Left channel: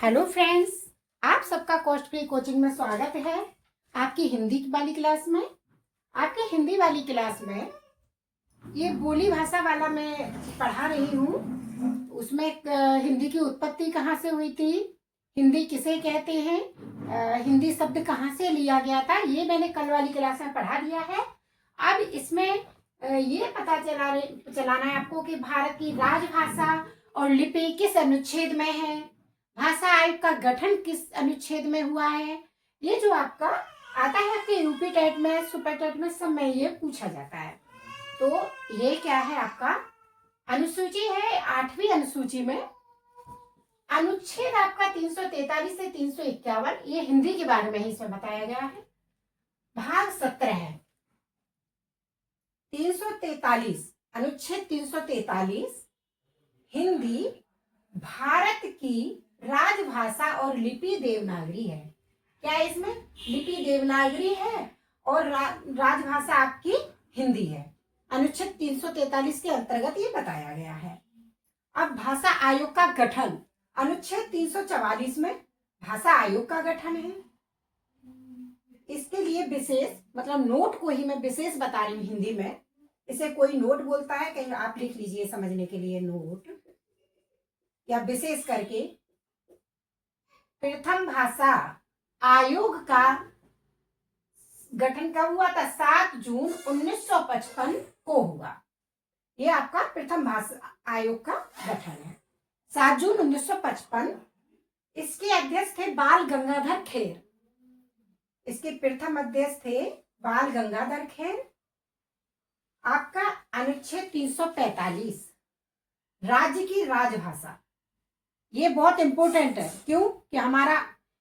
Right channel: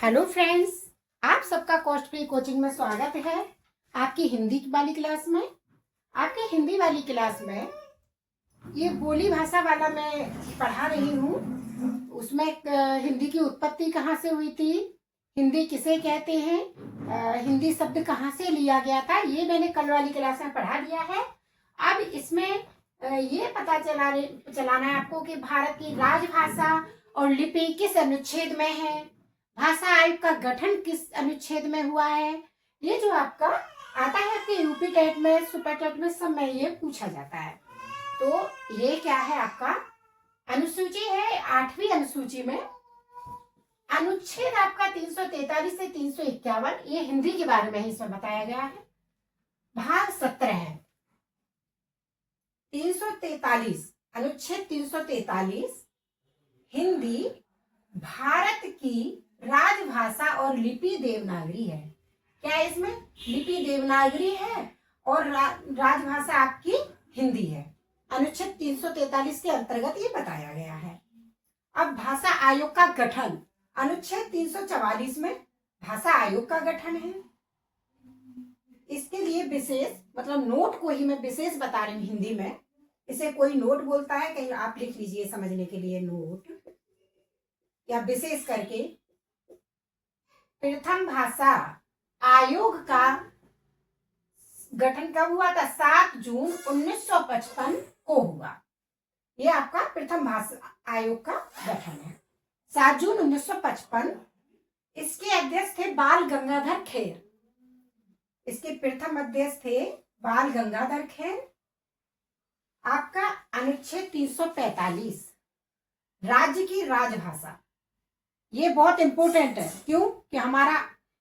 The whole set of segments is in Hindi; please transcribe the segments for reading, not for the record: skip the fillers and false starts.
हेलो फ्रेंड्स, आप सबका कॉस्ट फ्री कोचिंग में स्वागत है। आपकी हिंदी वाली क्लास में आपके हिंदी वाली क्लास में ये बोली भाषा वाला मैं पढ़ा रही हूँ। उसमें हिंदी की उत्पत्ति कहाँ से हुई थी, हिंदी किसे कहते हैं, हिंदी शब्द कहाँ से लिया गया था, ये मैंने कल वाली क्लास में पढ़ा दिया है। अब इसमें ये पता चलाना है आपको कि भारत की राजभाषा और लिपि किस अनुच्छेद में है, भाषा आयोग का गठन किस अनुच्छेद में हुआ है। ये जो आपका आता है आपके यूपी टेट में, सुपर टेट में, सब में ये पूछा जाता है। तो ये क्या है, आपका अनुसूची है, 8वीं अनुसूची में अनुच्छेद आपका 343 से 351, ये हिंदी के बारे में ही इसमें बताया गया है। भाग 17 है 343, अनुच्छेद 343, हिंदी भारत की राजभाषा और लिपि देवनागरी है। क्या इसमें लिपि देवनागरी है और राजभाषा आपकी हिंदी है। अनुच्छेद 343 के अंतर्गत ये बताया गया है। अब भाषा आयोग का गठन, अनुच्छेद 344 में भाषा आयोग का गठन है। इसके लिए विशेष मतलब नोट को ही मैं विशेष बता रही हूँ हिंदी में। इसे कोई नोट बोलता है, कहीं आप लिख लीजिए समझने के लिए नोट या विशेष करके। प्रथम भाषा आयोग का गठन कब हुआ था? 7 जून 1955 को हुआ। ये आपका प्रथम भाषा आयोग का गठन है, 7 जून 1955। इसके अध्यक्ष थे बाल गंगाधर खेर। इसके प्रथम अध्यक्ष थे बाल गंगाधर खेर। आपका अनुच्छेद 345, राज्य की राजभाषा, ये बहुत इंपॉर्टेंट है। क्यों कि हमारा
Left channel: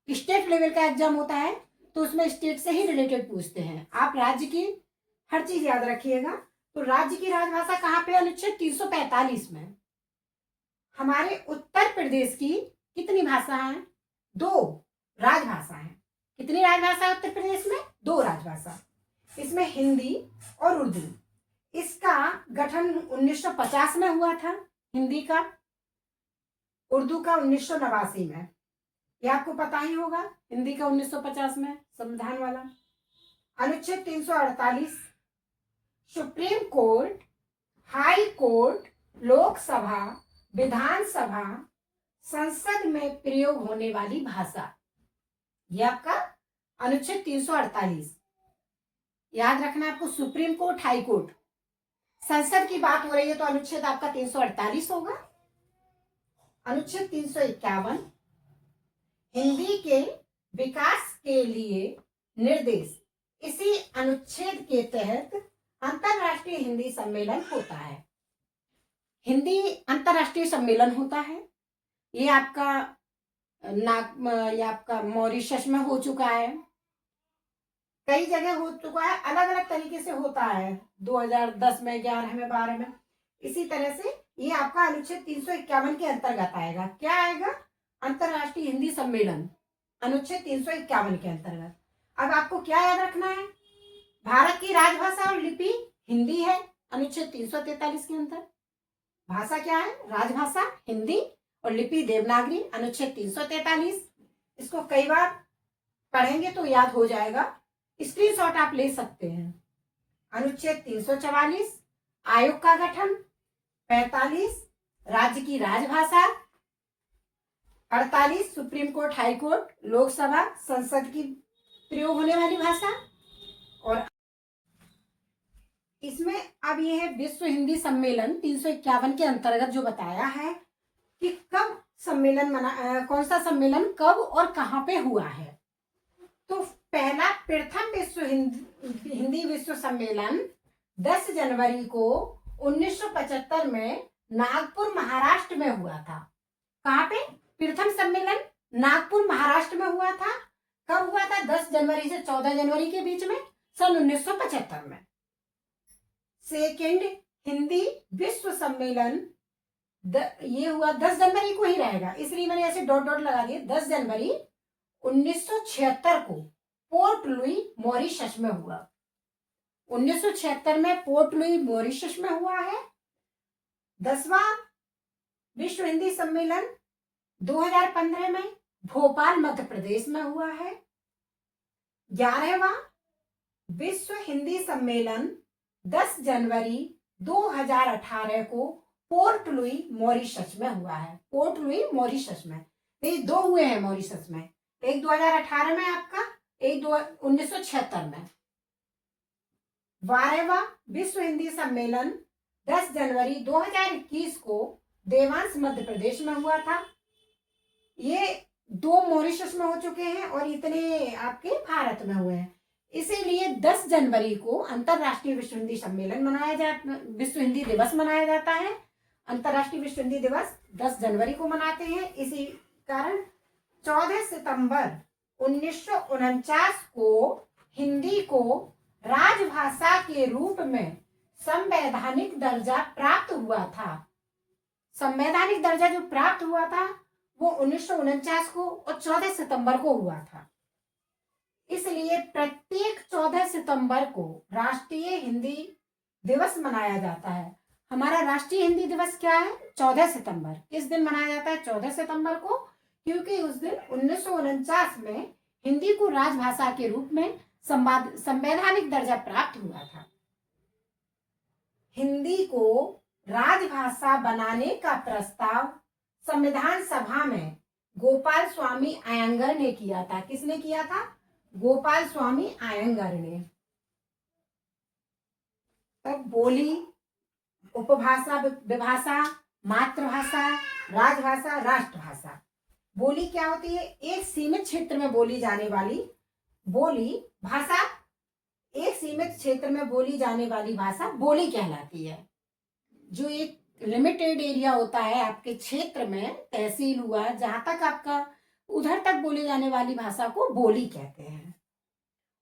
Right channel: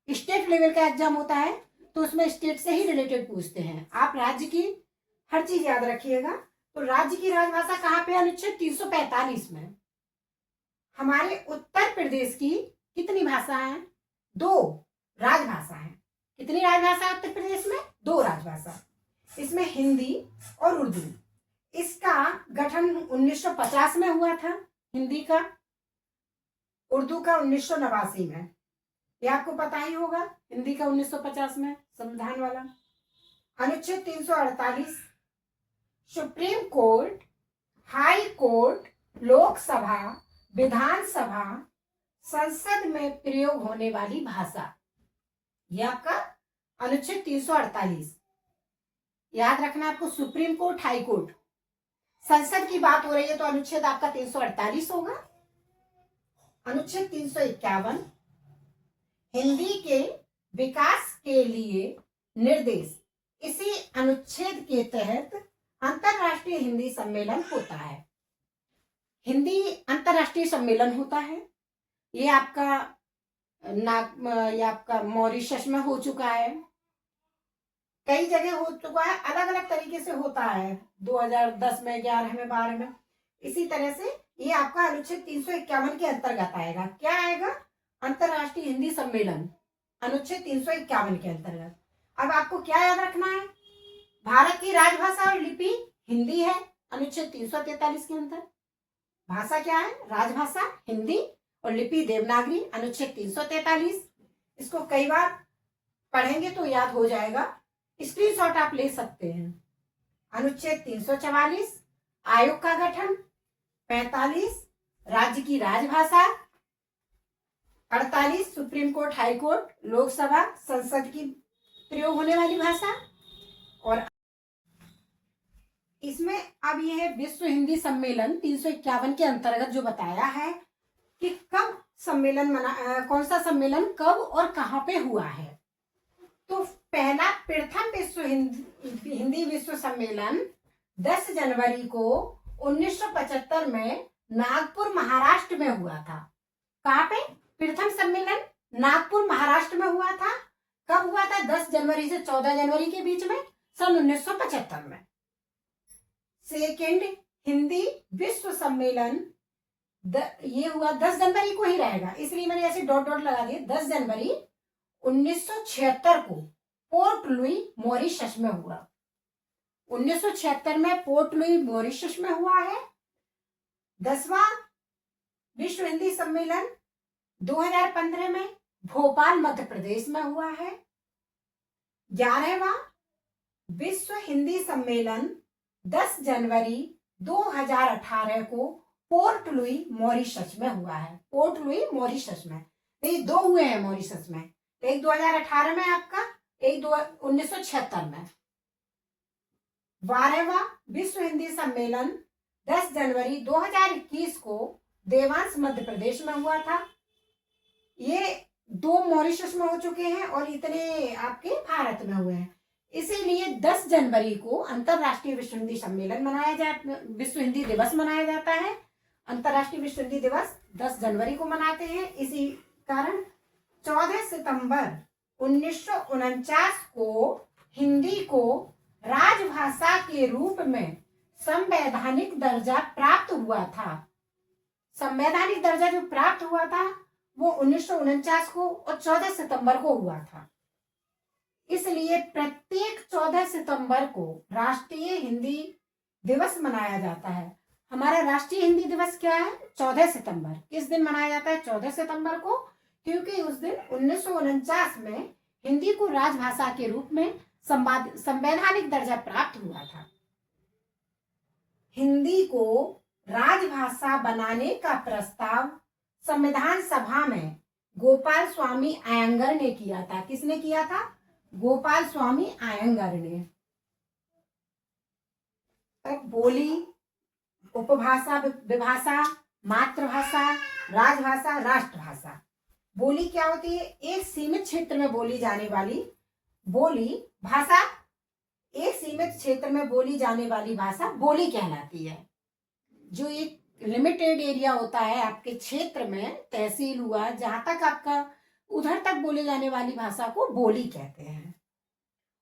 स्टेट लेवल का एग्जाम होता है तो उसमें स्टेट से ही रिलेटेड पूछते हैं। आप राज्य की हर चीज याद रखिएगा। तो राज्य की राजभाषा कहाँ पे? अनुच्छेद 345 में। हमारे उत्तर प्रदेश की कितनी भाषा है? 2 राजभाषा है। कितनी राजभाषा है उत्तर प्रदेश में? 2 राजभाषा। इसमें हिंदी और उर्दू। इसका गठन 1950 में हुआ था हिंदी का, उर्दू का 1989 में। ये आपको पता ही होगा, हिंदी का 1950 में संविधान वाला। अनुच्छेद 348, supreme court, high court, Lok Sabha, Vidhan Sabha, संसद में प्रयोग होने वाली भाषा, ये आपका अनुच्छेद 348। याद रखना आपको, सुप्रीम कोर्ट, हाई कोर्ट, संसद की बात हो रही है तो अनुच्छेद आपका 348 होगा। अनुच्छेद 351, हिंदी के विकास के लिए निर्देश। इसी अनुच्छेद के तहत अंतरराष्ट्रीय हिंदी सम्मेलन होता है। हिंदी अंतरराष्ट्रीय सम्मेलन होता है। ये आपका मॉरिशस में हो चुका है, कई जगह हो चुका है, अलग अलग तरीके से होता है, 2010 में, 11 में, 12 में। इसी तरह से ये आपका अनुच्छेद 351 के अंतर्गत आएगा। क्या आएगा? अंतरराष्ट्रीय हिंदी सम्मेलन, अनुच्छेद 351 के अंतर्गत। अब आपको क्या याद रखना है? भारत की राजभाषा और लिपि हिंदी है, अनुच्छेद 343 के अंतर्गत। भाषा क्या है? राजभाषा हिंदी और लिपि देवनागरी, अनुच्छेद 343। इसको कई बार पढ़ेंगे तो याद हो जाएगा, स्क्रीनशॉट आप ले सकते हैं। अनुच्छेद 344, आयोग का गठन। 45, राज्य की राजभाषा। 48, supreme court, high court, Lok Sabha, संसद की प्रयोग होने वाली भाषा। और इसमें अब यह है विश्व हिंदी सम्मेलन 351 के अंतर्गत जो बताया है कि कब सम्मेलन कौन सा सम्मेलन कब और कहां पे हुआ है। तो पहला प्रथम विश्व हिंदी विश्व सम्मेलन 10 जनवरी को 1975 में नागपुर, महाराष्ट्र में हुआ था। कहां पे? प्रथम सम्मेलन नागपुर, महाराष्ट्र में हुआ था। कब हुआ था? 10 जनवरी से 14 जनवरी के बीच में, सन 1975 में। सेकेंड हिंदी विश्व सम्मेलन ये हुआ 10 जनवरी को ही रहेगा, इसलिए मैंने ऐसे डॉट डॉट लगा दिए। 10 जनवरी 1976 को पोर्ट लुई, मॉरिशस में हुआ। 1976 में पोर्ट लुई, मॉरिशस में हुआ है। 10वां विश्व हिंदी सम्मेलन 2015 में भोपाल मध्य प्रदेश में हुआ है। 11वां विश्व हिंदी सम्मेलन 10 जनवरी 2018 को पोर्ट लुई मॉरिशस में हुआ है। पोर्ट लुई मॉरिशस में, ये 2 हुए हैं मॉरिशस में, एक 2018 में आपका, एक 1976 में। 12वां विश्व हिंदी सम्मेलन 10 जनवरी 2021 को देवांश मध्य प्रदेश में हुआ था। ये 2 मॉरिशस में हो चुके हैं और इतने आपके भारत में हुए हैं। इसीलिए 10 जनवरी को अंतरराष्ट्रीय विश्व हिंदी सम्मेलन विश्व हिंदी दिवस मनाया जाता है। अंतरराष्ट्रीय विश्व हिंदी दिवस 10 जनवरी को मनाते हैं। इसी कारण 14 सितंबर 1949 को हिंदी को राजभाषा के रूप में संवैधानिक दर्जा प्राप्त हुआ था। संवैधानिक दर्जा जो प्राप्त हुआ था वो 1949 को और 14 सितंबर को हुआ था। इसलिए प्रत्येक 14 सितंबर को राष्ट्रीय हिंदी दिवस मनाया जाता है। हमारा राष्ट्रीय हिंदी दिवस क्या है? 14 सितंबर। किस दिन मनाया जाता है? 14 सितंबर को, क्योंकि उस दिन 1949 में हिंदी को राजभाषा के रूप में संवैधानिक दर्जा प्राप्त हुआ था। हिंदी को राजभाषा बनाने का प्रस्ताव संविधान सभा में गोपाल स्वामी अयंगर ने किया था। किसने किया था? गोपाल स्वामी अयंगर ने। तो बोली, उपभाषा, विभाषा, मातृभाषा, राजभाषा, राष्ट्रभाषा। बोली क्या होती है? एक सीमित क्षेत्र में बोली जाने वाली बोली भाषा, एक सीमित क्षेत्र में बोली जाने वाली भाषा बोली कहलाती है। जो एक लिमिटेड एरिया होता है आपके क्षेत्र में, तहसील हुआ, जहां तक आपका उधर तक बोले जाने वाली भाषा को बोली कहते हैं।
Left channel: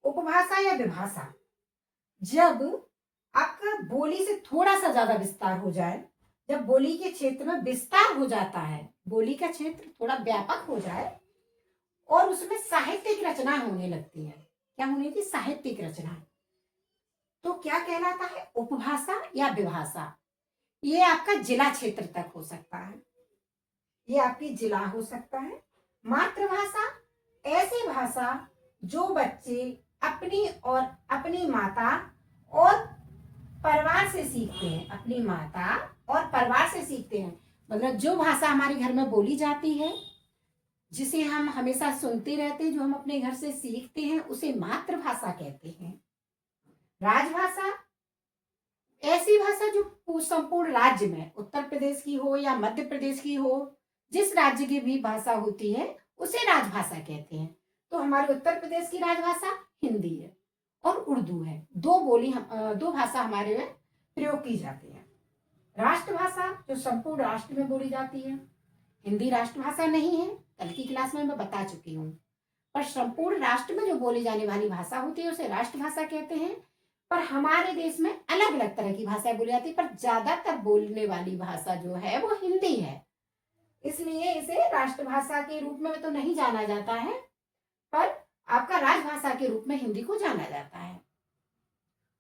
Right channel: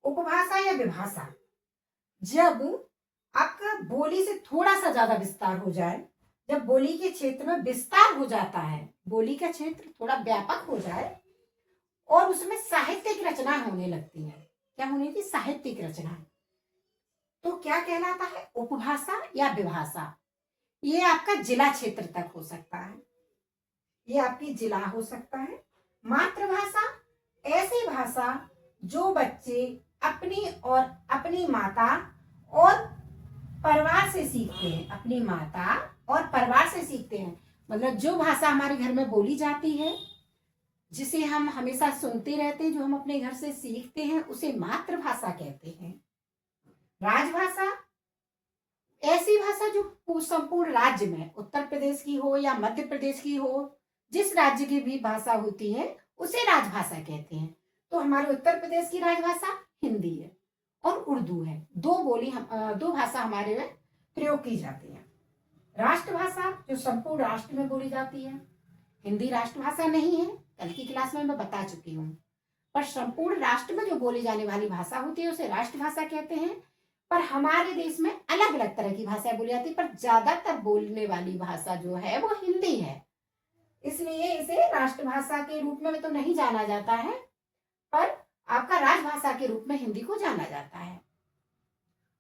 उपभाषा या विभाषा, जब आपका बोली से थोड़ा सा ज्यादा विस्तार हो जाए, जब बोली के क्षेत्र में विस्तार हो जाता है, बोली का क्षेत्र थोड़ा व्यापक हो जाए और उसमें साहित्यिक रचना होने लगती है। क्या होने की? साहित्यिक रचना। तो क्या कहलाता है? उपभाषा या विभाषा। ये आपका जिला क्षेत्र तक हो सकता है, ये आपकी जिला हो सकता है। मातृभाषा, ऐसी भाषा जो बच्चे अपनी और अपनी माता और परिवार से सीखते हैं, अपनी माता और परिवार से सीखते हैं। मतलब जो भाषा हमारे घर में बोली जाती है, जिसे हम हमेशा सुनते रहते हैं, जो हम अपने घर से सीखते हैं, उसे मातृभाषा कहते हैं। राजभाषा, ऐसी भाषा जो संपूर्ण राज्य में, उत्तर प्रदेश की हो या मध्य प्रदेश की हो, जिस राज्य की भी भाषा होती है उसे राजभाषा कहते हैं। तो हमारे उत्तर प्रदेश की राजभाषा हिंदी है और उर्दू है। दो भाषा हमारे में प्रयोग की जाती है। राष्ट्रभाषा जो संपूर्ण राष्ट्र में बोली जाती है, हिंदी राष्ट्रभाषा नहीं है, कल की क्लास में मैं बता चुकी हूँ। पर संपूर्ण राष्ट्र में जो बोली जाने वाली भाषा होती है उसे राष्ट्रभाषा कहते हैं। पर हमारे देश में अलग अलग तरह की भाषाएं बोली जाती है, पर ज्यादातर बोलने वाली भाषा जो है वो हिंदी है। इसलिए इसे राष्ट्रभाषा के रूप में तो नहीं जाना जाता है, पर आपका राजभाषा के रूप में हिंदी को जाना जाता है।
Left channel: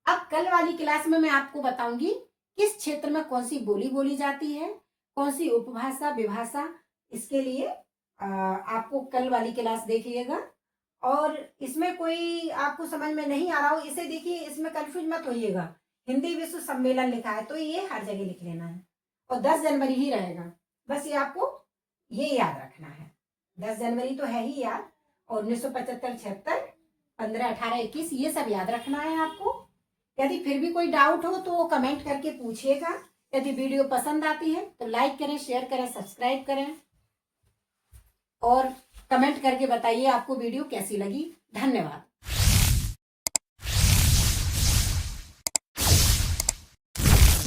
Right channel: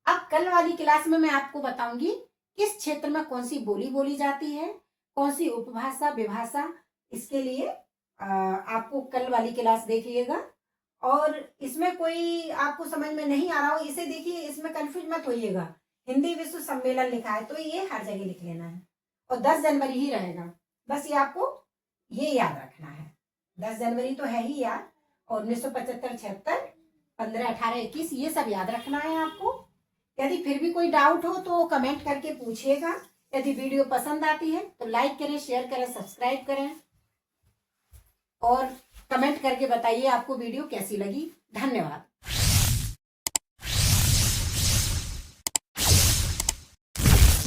अब कल वाली क्लास में मैं आपको बताऊंगी किस क्षेत्र में कौन सी बोली बोली जाती है, कौन सी उपभाषा, विभाषा। इसके लिए आपको कल वाली क्लास देखिएगा। और इसमें कोई आपको समझ में नहीं आ रहा हो, इसे देखिए, इसमें कंफ्यूज मत होइएगा। हिंदी विश्व सम्मेलन लिखा है तो ये हर जगह लिख लेना है और 10 जनवरी ही रहेगा। बस ये आपको ये याद रखना है। 10 जनवरी तो है ही याद, और 1975, 76, 15, 18, 21 ये सब याद रखना है आपको। यदि फिर भी कोई डाउट हो तो कमेंट करके पूछिएगा। यदि वीडियो पसंद आती है तो लाइक करें, शेयर करें, सब्सक्राइब करें और कमेंट करके बताइए आपको वीडियो कैसी लगी। धन्यवाद।